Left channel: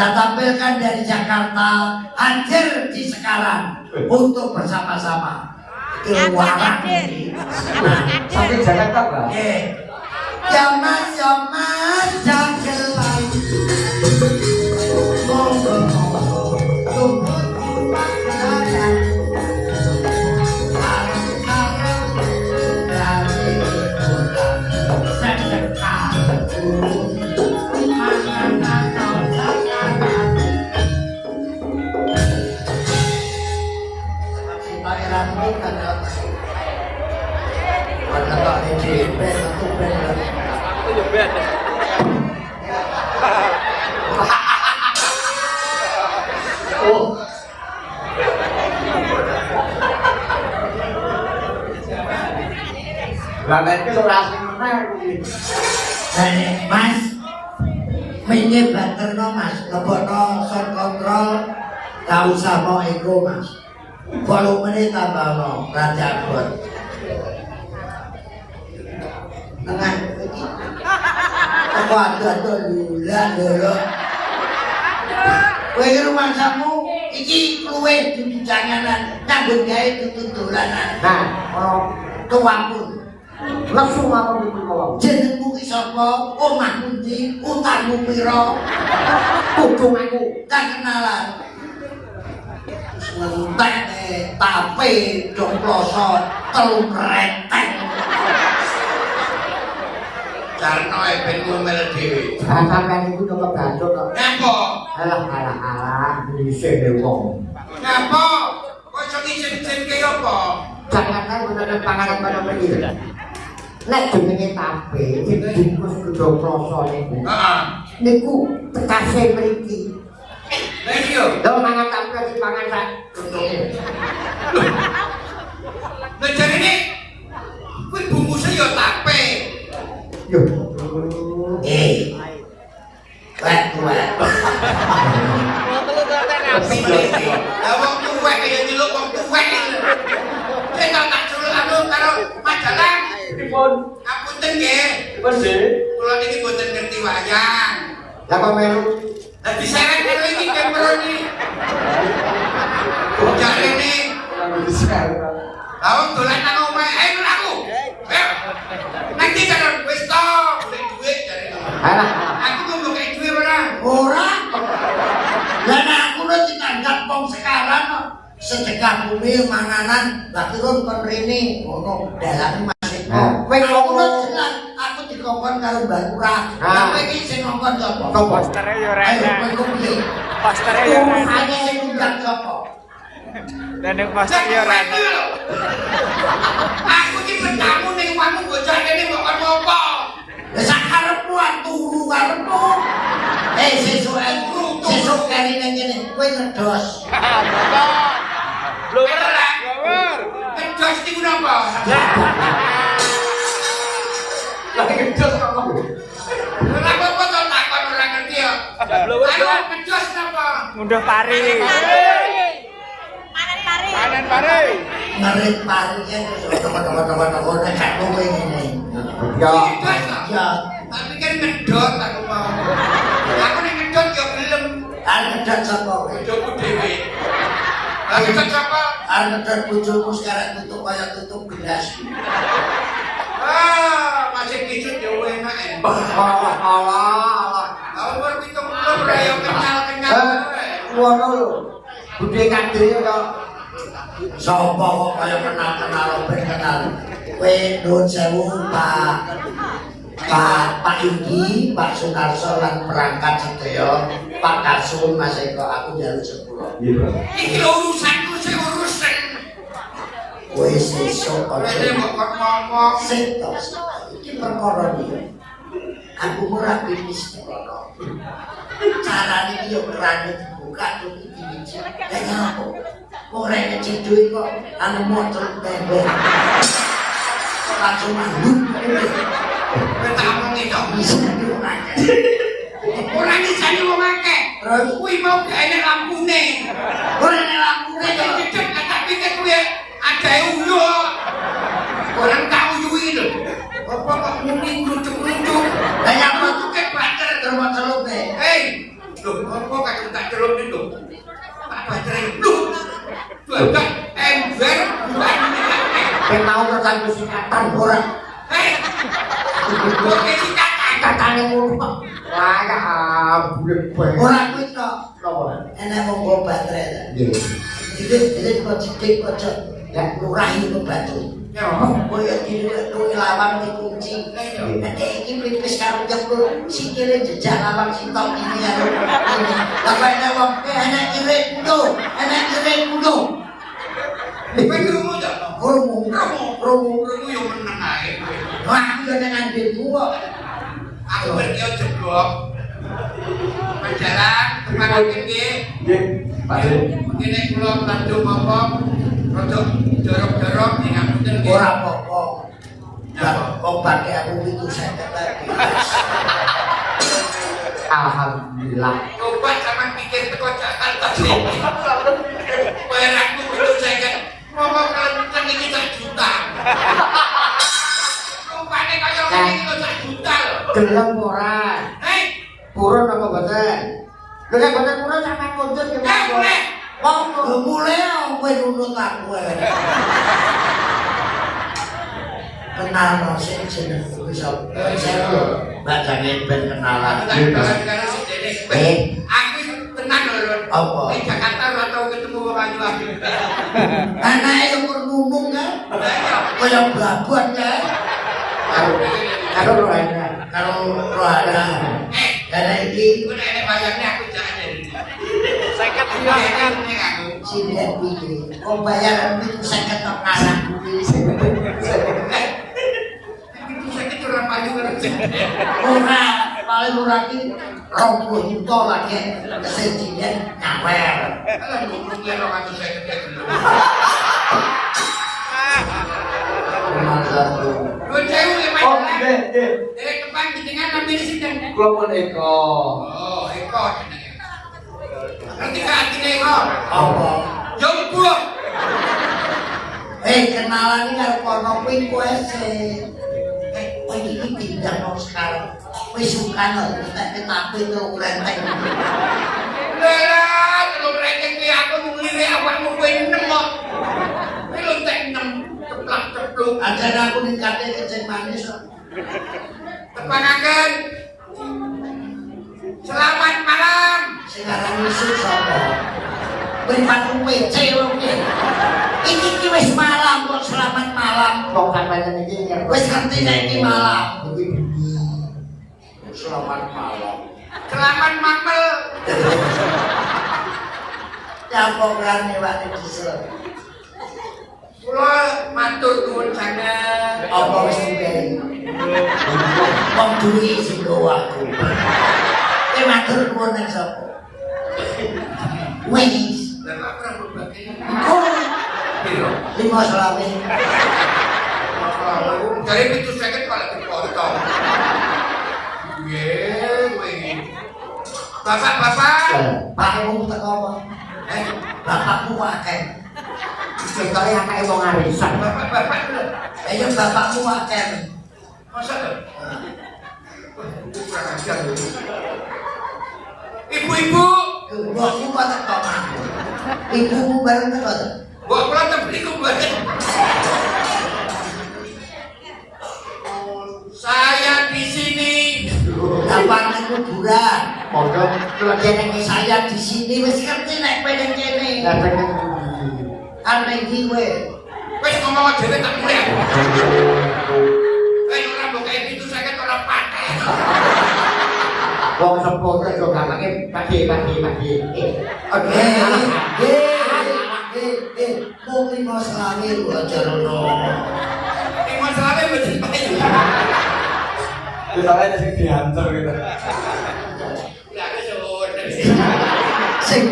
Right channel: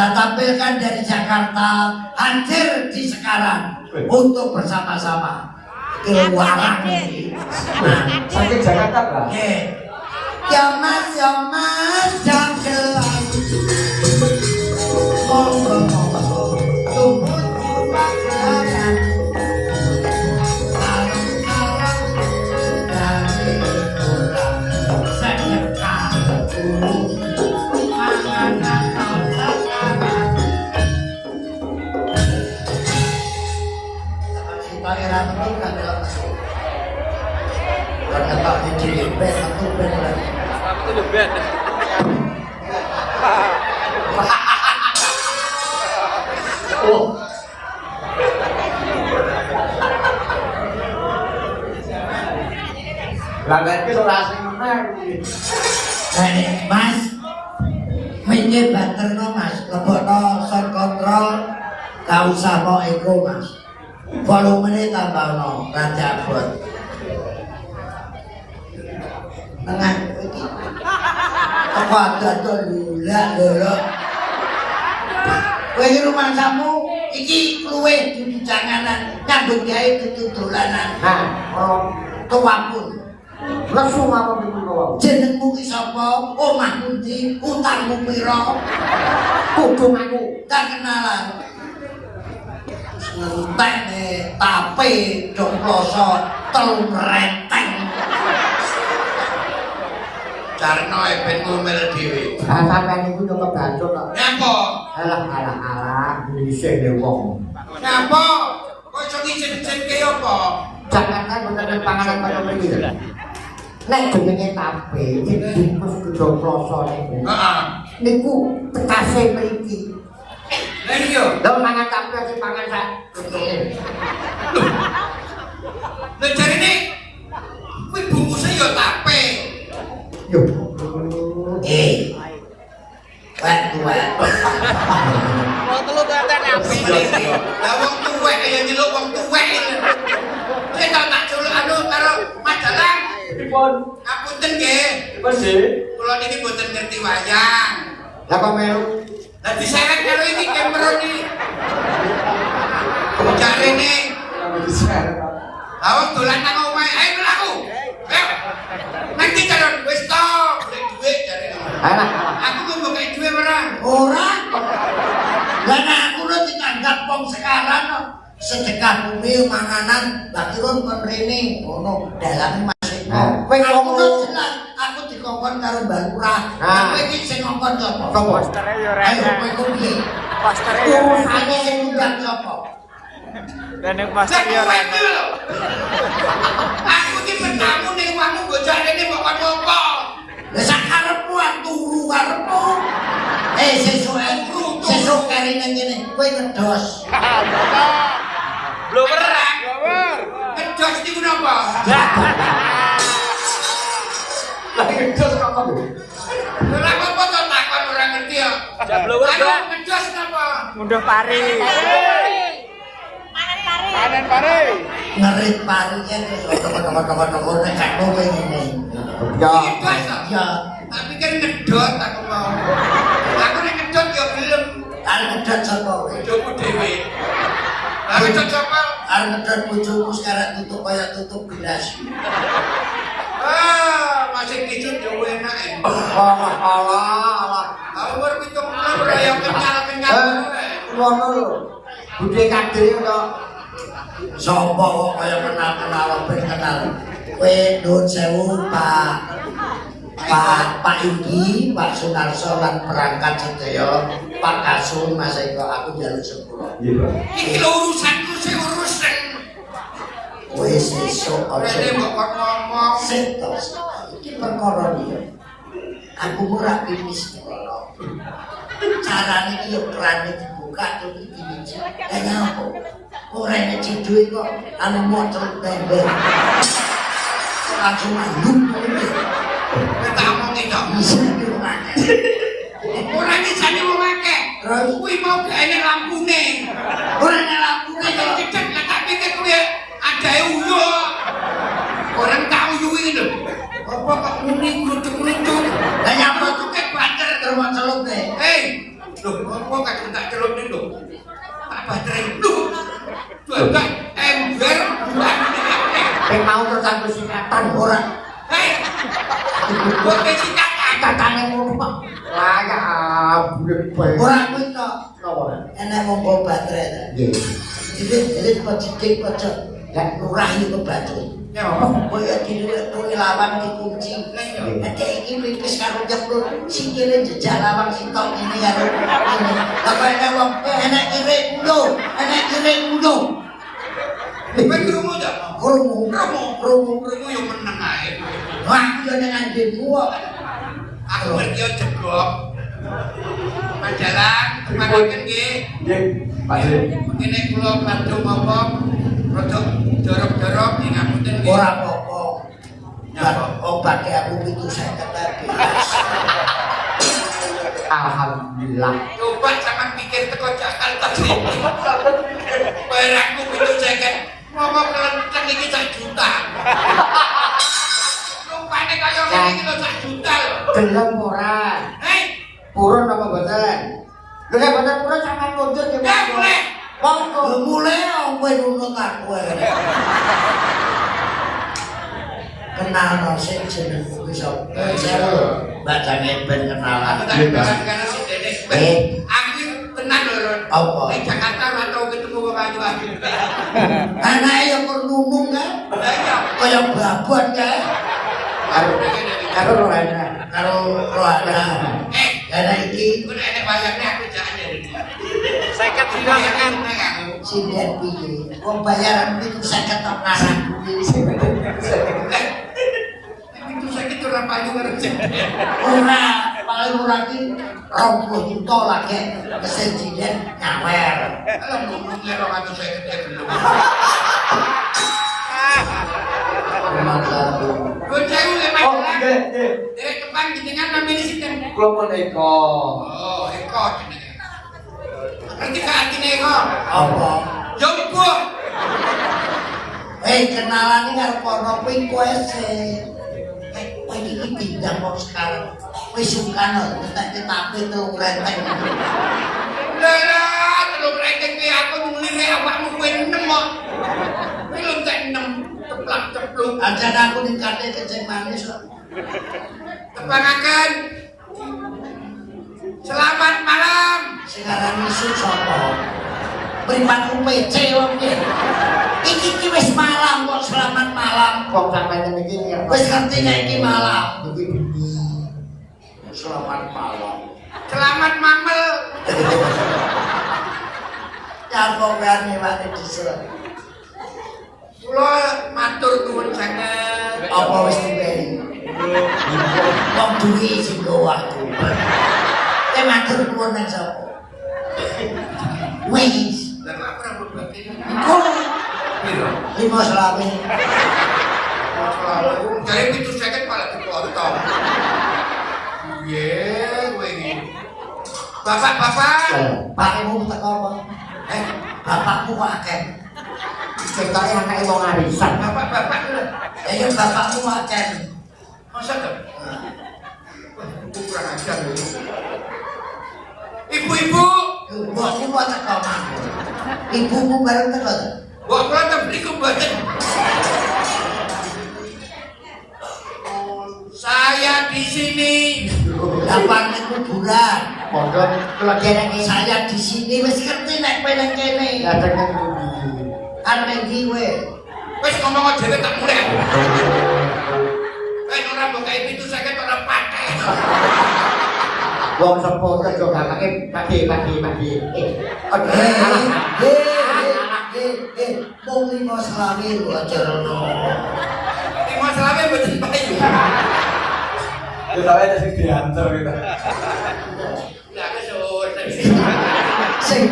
Dan tampilkan dari Jakarta hadir di sekarang untuk bersama-sama keluaran ini. Sampai Jakarta Pak. Ya mas jagelan monggo tunggu pagelaran dari orang sedekah makanan sakaran kita era ini kan karena tak dicipet aku benar. Oh. Lalat ke orasi mana? Mas, minyak banter no mas, lebono sound control, tak usah mau ego mas. Volumenya tambah no, raja abot. Dengan ini, aku ada duluan dulu. Kue rumah kamu, iki kue di janganan, nyambung gaya tutulanan. Nah, tuaku. langsung aku dulu. Jenengmu ki sapa? Omahmu ndi? Utangmu pira? Kudung aku tak kenalan. Ngentek tapi joploso telung renteng. Carane wae ben ngomel dhewe. sampean iku kok bacot kok. Napa? Alah dhisik de wong. Napa? Kok iso izin-izin ke apa? Jangan kan udah panganan karo iki. Nek jenenge tape dibungkus kudu kroso niku. Heeh. Niku tekase mriki. Lah iya. Lho mangan tape dipangan sak. Lah jarine kuwi bungkusnya ya tape. Yo. Wek tuwek. Wong tuwek kene ape. Lah wong tuwek kaya nyeluk wong tuwek. Kita tak culuk anu karo majalah. Pripun? Ngapunten nggih. Pripun sih? Kula niki mboten ngerti wayang. Lah kok melu? Lah diseret karo iki kemtrone. Jarene Bisa. Lah wong dolan nang omahe, ayo aku. Ayo. Nanti jalan wis to, golek dhuwit jarene. Alah, Aku mau golek dhuwit ora? Ora. Lah nek aku ora ditanggap wong sekarang sedekah bumi manganan tak turun kon rene ngono dalane masih kok. Kowe aku jelas aku dikongkon karo Mbak Lurah. Kowe iki sing ngongkon sapa? Postere yo rene. Postere yo rene. Aku sing ngundang sapa? Dan yang poster yo rene. Aku ki bertamu ning omahmu bocah rene kok apa? Lah sak karepmu turu karepmu. Sesuk kene ning kene kowe ngedos. Blower. Blower. Ngedos niku napa? lagi gedos apa? Ora apa-apa to takon ora ngerti ya. Blower. Ayo ngedos napa? Munduh pari. Panen pari. Ngerit parinya terus kawan-kawan nek gak kowe ngene. Ya. Ya, tapi kan ngedot aku mau. Aku nek ngedot yo gelem. Ngedot sapa kowe? Bojoku dhewe. Lah ngedot sapa? Ngedot bojoku sekarang tutup kaya tutup gelas. Masih picut yo enak. Alah. Tahu bar pitung ora yo kenyal-kenyal. Ngono lho. Budhe kadhe kok. Sapa kok kaya kenal-kenal ben kenal. Kowe nuwun sewu Pak Yuki, Pak Sunarso lan perangkat sedaya, Pak Kasun, Mas Eko, aku njaluk sepuro. Iya, Pak. Iki urusanku sing urusan. Kowe sesuk aja ngomong sing tos. Iki perkara iki. Aku ora pinis ngono. Carane iki yo kerane dibuka iki diwiji. Lah nyapa? Wong rene cidhuke kok anu motor tembel. Langsung manduk. Kowe tak omongi kok bisa ngene. Ora nyisani wong akeh. Kuwi mau gak enek lampune. Ora enek lampune kok cecek tapi kuwi adae ulo. Orang tak uyuwi lho. Apa kok muni klucuk-klucuk. Lah ya ora cukup placer karo masalah. Hei. Lho, apa apa kadang tak celuk niku. Tak baterai lho. Dadak ember. Nek mau terus aku sikatan ora. Kok sikatan Katane ngono kok. Wah ya ampun. Ora kuwi tok. Apa? Enak ngomong baterai ta. Nggih. Jadi kok cilik kok gak nurahi ke baterai. Ya apa? Kaya diluwih lawang dikunci. Nanti iki pipis karo jebul sikile jejak lawang sitok ini karo ini. Lah kaya wong enak kire kulo, enak kire kulo. Kowe krungu ta? Krungu Krungu yo meneng ae. wah yo nang andilmu kok. Aku ngerti yo jebok. Panjalan tekan nggih. Nggih. Pak. Kene kula bantu ngomong rada jorok-jorok ning ngapunten nggih. Ora apa-apa. Ya obat aku itu saya tadi. Alhamdulillah. Coba sampean pikir teko jakal tadi. Perakku itu saya ngomong kenceng iki 1 juta. Rupane kaya ngene iki 1 juta lho. Gelem ora? Purun apa boten? Lha nek boten purun sampean kondur ya. Ya boleh. Wong mulai kowe nunut aku. Kenal sing jenengku wis bacane ben kenalan. Aku tenang lho. Apa? Ning Jakarta ora tau ketemu wong ayu-ayu. Anake yo ngomong kan. Kaya babon kan. Karo Rohana. Karo Rohana. Karena iki Ku nek bayarne aku jak ada. 50 juta nek aku. sinian iki. Kok bayar itu 50 tok ngarang Itu saya ora payu karo jek. ora paling ora iki 20 juta lagi kesejinen nyawer. Kalau mau punya orang itu saya kira dulu. Gue jauh ya Oh, Pak. nggih, nggih. Dari depan jenengan ambil sini. Kula pun Eko. Oh, ekor. Nanti ke hati Eko. Apa? Jemput. Kenalan ini karo kono kuwi kowe sih. Kowe iki pindah kok sekarang. Wis sukan lho, tak ketapi tuh renteng. Lah, kalau mereka kuwi aku nuli awakmu kuwi 6 kok. Belum tak 6. Teplak-tepluk. Ajan aku ningkate keceng manis kok. Tepangaken. Selamat malam. Sekarang isuk sapa? Pripatku PC wong iki. Iki ki wis malam kok selamat malam. Kok sampeyan iki Wis ngerti nek iki malam. iki bengi. Selamat malam. Selamat mamel. Ya apa berani wae diserang. Kula matur nuwun sanget. Apa wis diberi? Wong duwi sing aku. Matur nuwun nang sapa? Wis. Lah kok ora berbagi. Kok 5 selawe. Jadi itu saya kan kalau dipotong. Iya, ini. Bapak-bapak. Pakmu teko apa? Bapakmu akeh. Ketoke anake wong arisan. Bapak-bapak lho. Ya bapakmu akeh. Masa lho? Itu kurang ajar lho. Ibu-ibu. Mbokmu kok teko mana? Ibumu bareng teko ta? Mbok kula tak beli kebuatan. Saya di sini. Gampang nek kuburan. Monggo kula jenenge Saya di sini wis ngerti nek kowe nang kene. dateng Kan ning iki kowe. Wis ngomong dhewe tak mulai. Ora buka pintu saya kan ora pakai. wong sepuh kok gampang pagi. Mau 5 selawe lho aja lho. Ini masalahnya buat dipakai. Terus ada sing dihantar gitu. Ya kesuwun. Sing